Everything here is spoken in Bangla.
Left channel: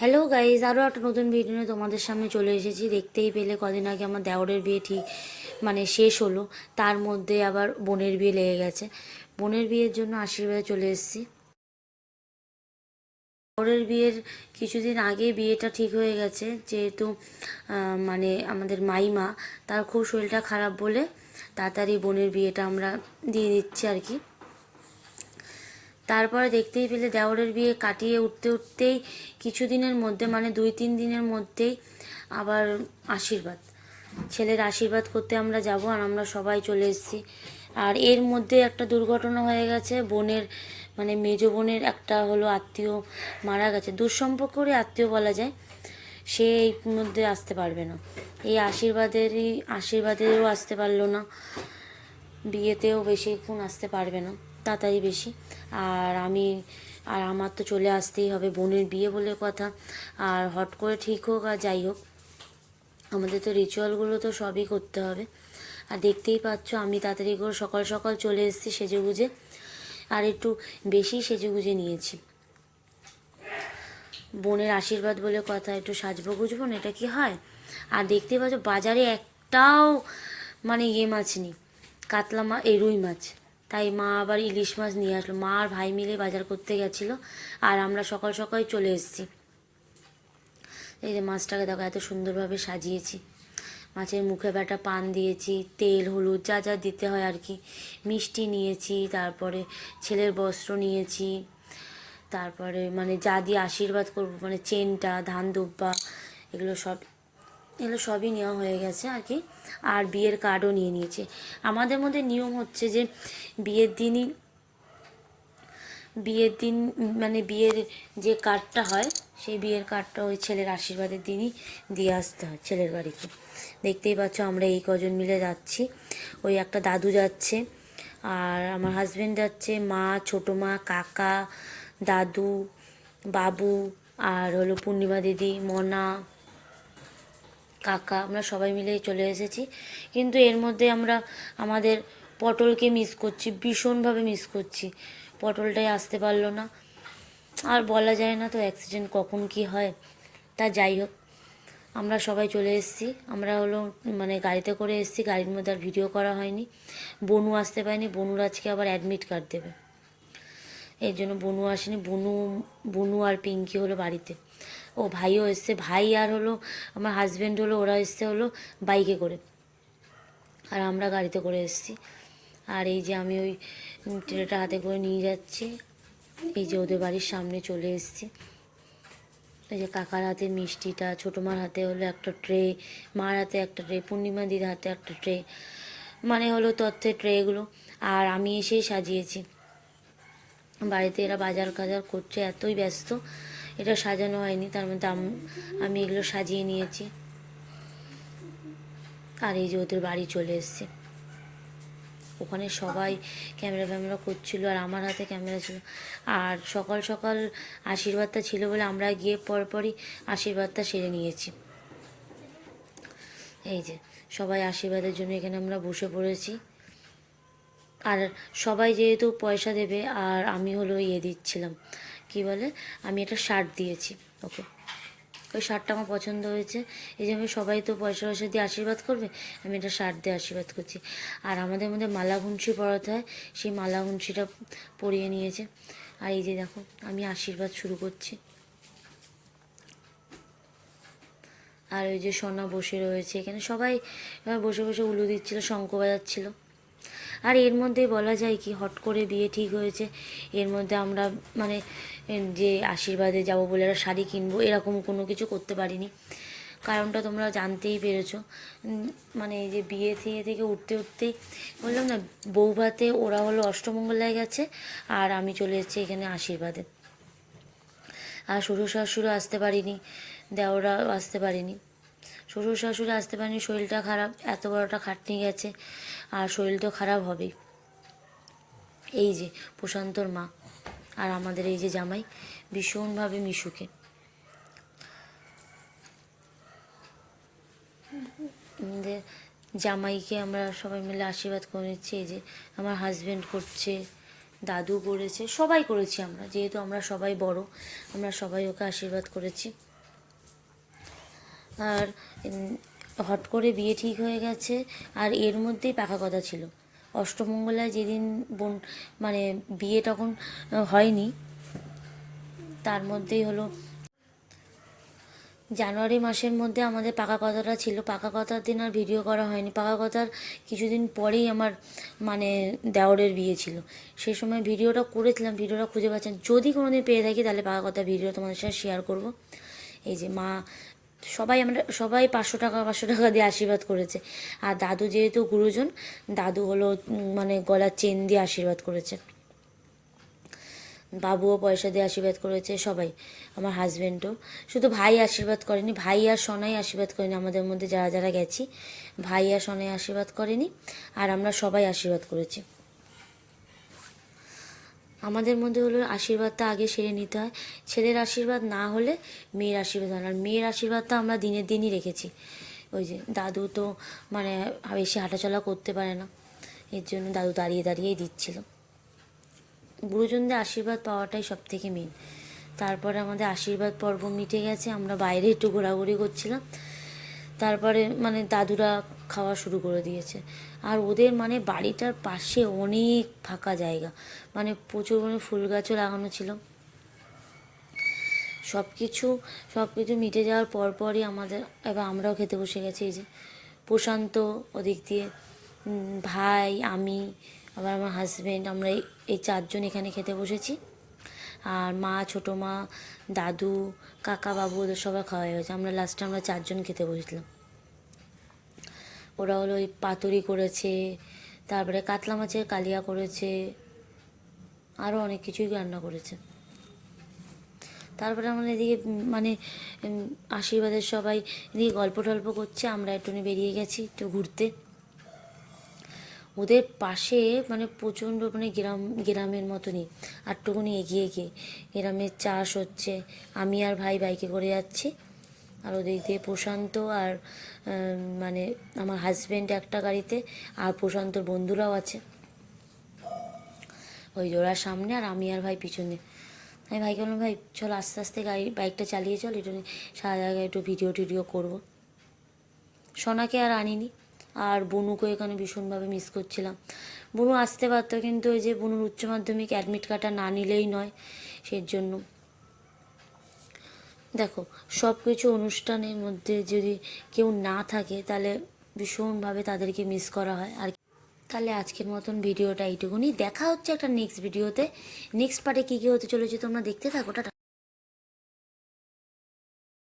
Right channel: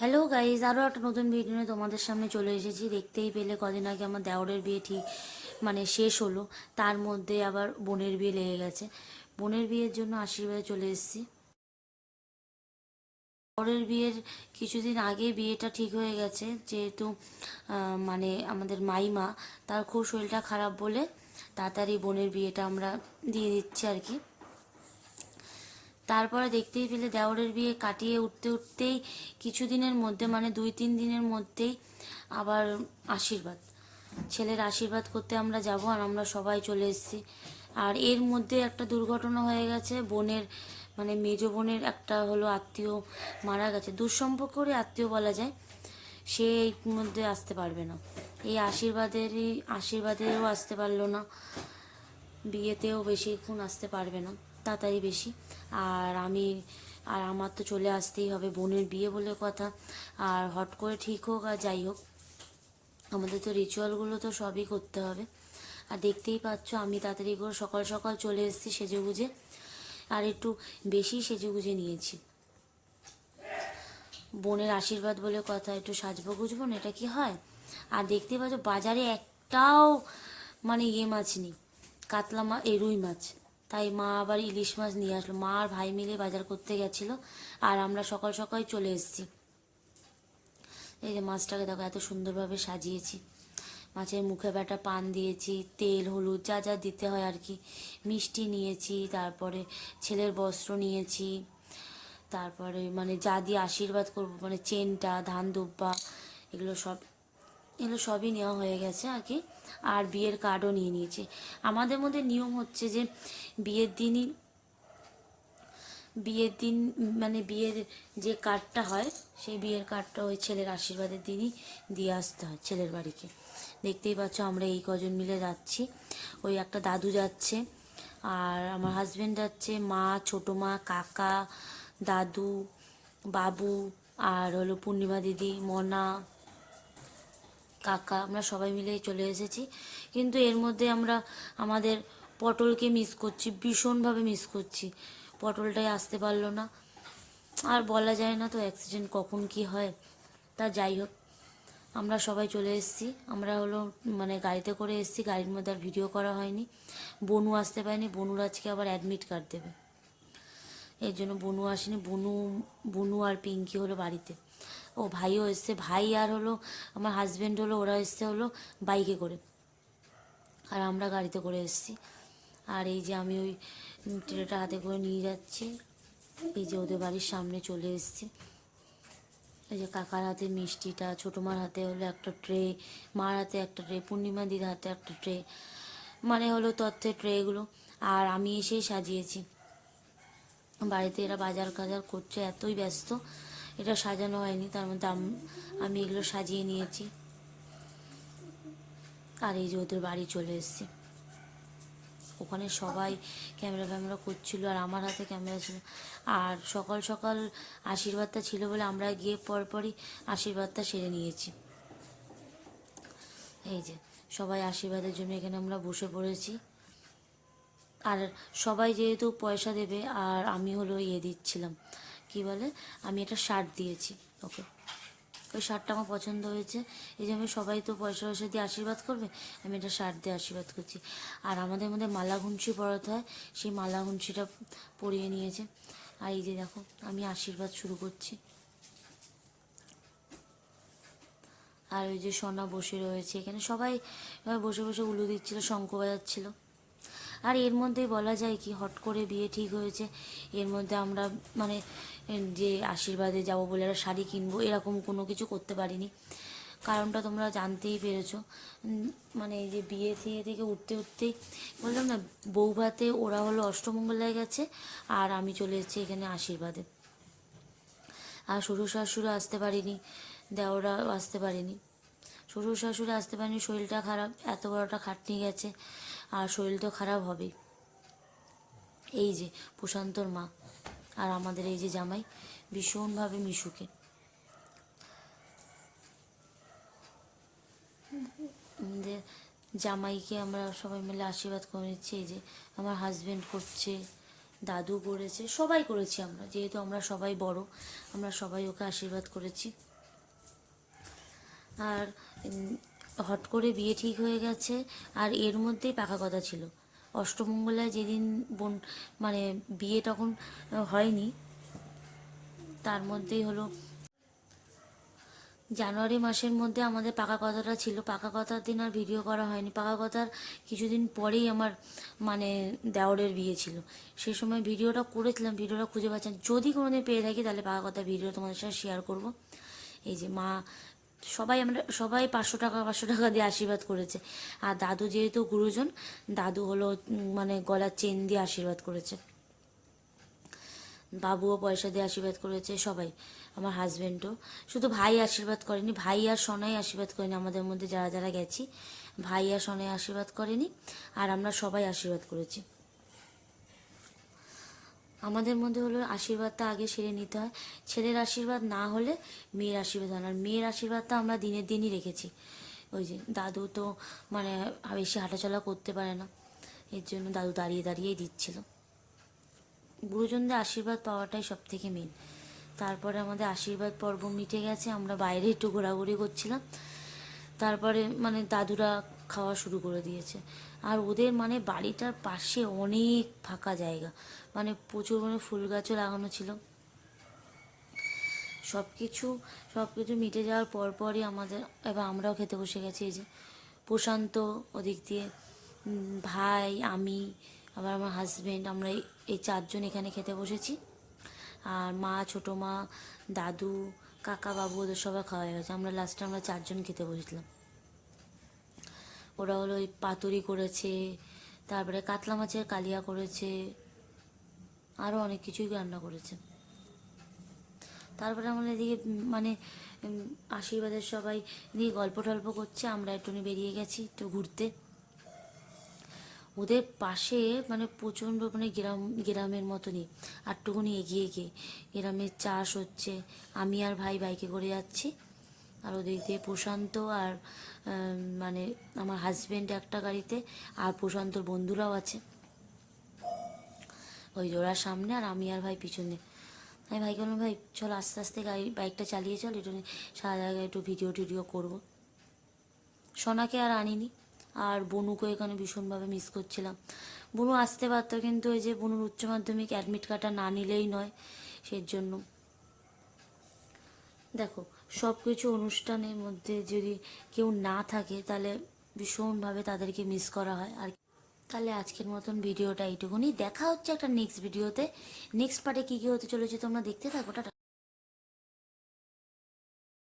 হ্যালো গাইজ, আরও একটা নতুন ভিডিও নিয়ে তোমাদের সামনে চলে এসেছি। দেখতেই পেলে কদিন আগে আমার দেওরের বিয়ে ঠিক শেষ হলো। তার মধ্যে আবার বোনের বিয়ে লেগে গেছে। বোনের বিয়ের জন্য আশীর্বাদে চলে এসেছি। দেওরের বিয়ের কিছুদিন আগে বিয়েটা ঠিক হয়ে গেছে, যেহেতু আমাদের মাইমা তার খুব শরীরটা খারাপ বলে তাড়াতাড়ি বোনের বিয়েটা আমরা দিয়ে দিচ্ছি আর কি। তারপরে দেখতেই পেলে দেওরের বিয়ে কাটিয়ে উঠতে উঠতেই কিছুদিনের মধ্যে 2-3 দিনের মধ্যেই আবার আশীর্বাদ, ছেলের আশীর্বাদ করতে আমরা যাব। আর আমরা সবাই চলে এসেছি। আর এর মধ্যে একটা দুর্ঘটনা হয়ে গেছে। বোনের মেজ বোনের একটা হলো আত্মীয় মারা গেছে, দুঃসম্পর্কেরই আত্মীয় বলা যায়। সে এই মধ্যে আসতে পারবে না, এই আশীর্বাদেরও আসতে পারলো না, বিয়েতেও বেশিক্ষণ আসতে পারবে না, তাড়াতাড়ি বেশি। আর আমার তো চলে আসতেই হবে, বোনের বিয়ে বলে কথা। আর হট করে ঠিক হোক আর যাই হোক, আমাদের তো রিচুয়ালগুলো তো সবই করতে হবে। আর দেখতেই পাচ্ছ আমি তাড়াতাড়ি করে সকাল সকাল চলে এসেছি সেজেগুজে, আর একটু বেশি সেজেগুজে নিয়েছি। বোনের আশীর্বাদ বলে কথা, একটু সাজবো গুজবো না, এটা কি হয়? আর দেখতেই পাচ্ছ বাজারে একটাও মাছ নেই, কাতলা মাছ, রুই মাছ। তাই মা আবার ইলিশ মাছ নিয়ে আসলো। মা আর ভাই মিলে বাজার করতে গেছিলো, আর আমরা সকাল সকাল চলে এসেছি। এই যে মাছটাকে দেখো এত সুন্দরভাবে সাজিয়েছি। মাছের মুখে ব্যাটা পান দিয়েছি, তেল হলুদ যা যা দিতে হয় আর কি, মিষ্টি নিয়েছি, তারপরে ছেলের বস্ত্র নিয়েছি, তারপরে যা দিয়ে আশীর্বাদ করবো চেনটা, ধান দুব্বা, এগুলো সবই নেওয়া হয়ে গেছে আর কি। আর বিয়ের কার্ডও নিয়ে নিয়েছি। আমাদের মধ্যে নিয়ম হচ্ছে যে বিয়ের দিনই বিয়ের দিন বিয়ের যে কার্ডটা হয়, সেই বিয়ের কার্ডটা ওই ছেলের আশীর্বাদের দিনই দিয়ে আসতে হয় ছেলের বাড়িতে। দেখতেই পাচ্ছ আমরা এই কজন মিলে যাচ্ছি। ওই একটা দাদু যাচ্ছে, আর আমার হাজব্যান্ড যাচ্ছে, মা, ছোটো মা, কাকা, দাদু, বাবু, আর হলো পূর্ণিমা দিদি, মনা, কাকা, আমরা সবাই মিলে চলে এসেছি। কিন্তু এর মধ্যে আমরা আমাদের পটলকে মিস করছি, ভীষণভাবে মিস করছি। পটলটাই আসতে পারলো না। আর বলা যায় না তো অ্যাক্সিডেন্ট কখন কি হয়। তা যাই হোক, আমরা সবাই চলে এসেছি। আমরা হলো গাড়িতে করে এসেছি, গাড়ির মধ্যে আর ভিডিও করা হয়নি। বনু আসতে পারেনি, বনুর আজকে আবার অ্যাডমিট কার্ড দেবে, এর জন্য বনু আসেনি। বনু আর পিঙ্কি হলো বাড়িতে। ও ভাইও এসছে, ভাই আর হলো আমার হাজব্যান্ড হলো, ওরা এসছে হলো বাইকে করে, আর আমরা গাড়িতে করে এসেছি। আর এই যে আমি ওই ট্রেটা হাতে করে নিয়ে যাচ্ছি। এই যে ওদের বাড়ির সামনে চলে এসেছি। এই যে কাকার হাতে মিষ্টিটা, ছোটো মার হাতে হলো একটা ট্রে, মার হাতে একটা ট্রে, পূর্ণিমা দিদির হাতে একটা ট্রে, হলো তথ্যের ট্রেগুলো। আর আমি এসেই সাজিয়েছি। বাড়িতে এরা বাজার কাজার করছে, এতই ব্যস্ত, এটা সাজানো হয়নি। তার মধ্যে আমি এগুলো সাজিয়ে নিয়েছি। আর এই যে ওদের বাড়ি চলে এসছে। ওখানে সবাই ক্যামেরা ফ্যামেরা করছিল, আর আমার হাতে ক্যামেরা ছিল। আর সকাল সকাল আশীর্বাদটা ছিল বলে আমরা গিয়ে পরপরই আশীর্বাদটা সেরে নিয়েছি। এই যে সবাই আশীর্বাদের জন্য এখানে আমরা বসে পড়েছি। আর সবাই যেহেতু পয়সা দেবে, আর আমি হলো দিচ্ছিলাম, কি বলে, আমি একটা শার্ট দিয়েছি ওকে। ওই শার্টটা আমার পছন্দ হয়েছে, এই যে আমি সবাই তো পয়সা পয়সা দিয়ে আশীর্বাদ করবে, আমি একটা শার্ট দিয়ে আশীর্বাদ করছি। আর আমাদের মধ্যে মালা ঘুঞ্চি পরাতে হয়, সেই মালা ঘুঞ্চিটা পরিয়ে নিয়েছে। আর এই যে দেখো আমি আশীর্বাদ শুরু করছি। আর ওই যে সোনা বসে রয়েছে এখানে, সবাই বসে বসে উলু দিচ্ছিল, শঙ্খ বাজাচ্ছিল। আর এর মধ্যে বলা যায় কি, হট করে বিয়ে ঠিক হয়েছে, এর মধ্যে আমরা যে আশীর্বাদে যাব বলে একটা শাড়ি কিনবো এরকম কোনো কিছু করতে পারিনি। কারণটা তোমরা জানতেই পেরেছো। এই যে বিয়ে থেকে উঠতে উঠতেই বললাম না, বউ ভাতে ওরা হলো অষ্টমঙ্গলায় গেছে, আর আমি চলে এসেছি এখানে আশীর্বাদে। আর শ্বশুর শাশুড়ি আসতে পারিনি, দেওরা আসতে পারিনি। শ্বশুর শাশুড়ি আসতে পারেনি, শরীরটা খারাপ, এত বড়টা খাটনি গেছে, আর শরীর তো খারাপ হবেই। এই যে প্রশান্তর মা, আর আমাদের এই যে জামাই ভীষণভাবে মিশুকে। জামাইকে আমরা সবাই মিলে আশীর্বাদ করে নিচ্ছি। এই যে আমার হাজব্যান্ড করছে, দাদু করেছে, সবাই করেছি আমরা, যেহেতু আমরা সবাই বড়, আমরা সবাই ওকে আশীর্বাদ করেছি। আর হট করে বিয়ে ঠিক হয়ে গেছে, আর এর মধ্যেই পাকা কথা ছিল। অষ্টমঙ্গলায় যেদিন বোন মানে বিয়ে তখন হয়নি, তার মধ্যেই হলো জানুয়ারি মাসের মধ্যে আমাদের পাকা কথাটা ছিল। পাকা কথার দিন আর ভিডিও করা হয়নি। পাকা কথার কিছুদিন পরেই আমার মানে দেওরের বিয়ে ছিল, সেই সময় ভিডিওটা করেছিলাম, ভিডিওটা খুঁজে পাচ্ছেন, যদি কোনোদিন পেয়ে থাকি তাহলে পাকা কথা ভিডিও তোমাদের সাথে শেয়ার করব। এই যে মা আমরা সবাই 500 টাকা দিয়ে আশীর্বাদ করেছে, আর দাদু যেহেতু গুরুজন, দাদু হলো মানে গলার চেন দিয়ে আশীর্বাদ করেছে, বাবুও পয়সা দিয়ে আশীর্বাদ করেছে, সবাই, আমার হাজব্যান্ডও। শুধু ভাই আশীর্বাদ করেনি, ভাই আর সোনাই আশীর্বাদ করেনি, আমাদের মধ্যে যারা যারা গেছি ভাই আর সোনাই আশীর্বাদ করেনি, আর আমরা সবাই আশীর্বাদ করেছি। আমাদের মধ্যে হলো আশীর্বাদটা আগে সেরে নিতে হয়, ছেলের আশীর্বাদ না হলে মেয়ের আশীর্বাদ হয় না, আর মেয়ের আশীর্বাদটা আমরা দিনের দিনই রেখেছি। ওই যে দাদু তো মানে বেশি হাঁটাচলা করতে পারে না, এর জন্য দাদু দাঁড়িয়ে দাঁড়িয়েই দিচ্ছিল। গুরুজনদের আশীর্বাদ পাওয়াটাই সব থেকে মেন। তারপরে আমাদের আশীর্বাদ পর্ব মিটে গেছে, আমরা বাইরে একটু ঘোরাঘুরি করছিলাম, তারপরে মানে দাদুরা খাওয়া শুরু করে দিয়েছে। আর ওদের মানে বাড়িটার পাশে অনেক ফাঁকা জায়গা, মানে প্রচুর মানে ফুল গাছও লাগানো ছিল। সব কিছু মিটে যাওয়ার পরপরই আমাদের এবার আমরাও খেতে বসে গেছি। এই যে প্রশান্ত ওদিক দিয়ে, ভাই, আমি, আবার আমার হাজব্যান্ড, আমরা এই 4জন এখানে খেতে বসেছি। আর মা, ছোটো মা, দাদু, কাকা, বাবু ওদের সবাই খাওয়া হয়ে গেছে, আমরা লাস্টে 4জন খেতে বসেছিলাম। ওরা হলো ওই পাতুরি করেছে, তারপরে কাতলা মাছের কালিয়া করেছে, আরও অনেক কিছুই রান্না করেছে। তারপরে আমাদের এদিকে মানে আশীর্বাদের সবাই এদিকে গল্প টল্প করছে, আমরা একটুখানি বেরিয়ে গেছি একটু ঘুরতে। ওদের পাশে মানে প্রচণ্ড মানে গ্রামের মতনই, আরটুকুনি এগিয়ে গিয়ে গ্রামের চাষ হচ্ছে। আমি আর ভাই বাইকে করে যাচ্ছি, আর ওদিক দিয়ে প্রশান্ত আর মানে আমার হাজব্যান্ড একটা গাড়িতে, আর প্রশান্তর বন্ধুরাও আছে, ওই ওরা সামনে আর আমি আর ভাই পিছনে। আমি ভাইকে বললাম, ভাই চল আস্তে আস্তে বাইকটা চালিয়ে চল, এটা সারা জায়গায় একটু ভিডিও টিডিও করবো। সোনাকে আর আনিনি, আর বনুকে এখানে ভীষণভাবে মিস করছিলাম। বনু আসতে পারতো, কিন্তু ওই যে বনুর উচ্চ মাধ্যমিক অ্যাডমিট কার্ডটা না নিলেই নয়, সেই জন্য। দেখো সব কিছু অনুষ্ঠানের মধ্যে যদি কেউ না থাকে তাহলে ভীষণভাবে তাদেরকে মিস করা হয়। আর তাহলে আজকের মতন ভিডিওটা এইটুকুনি, দেখা হচ্ছে একটা নেক্সট ভিডিওতে। নেক্সট পার্টে কী কী হতে চলেছে তোমরা দেখতে থাকো। টাটা।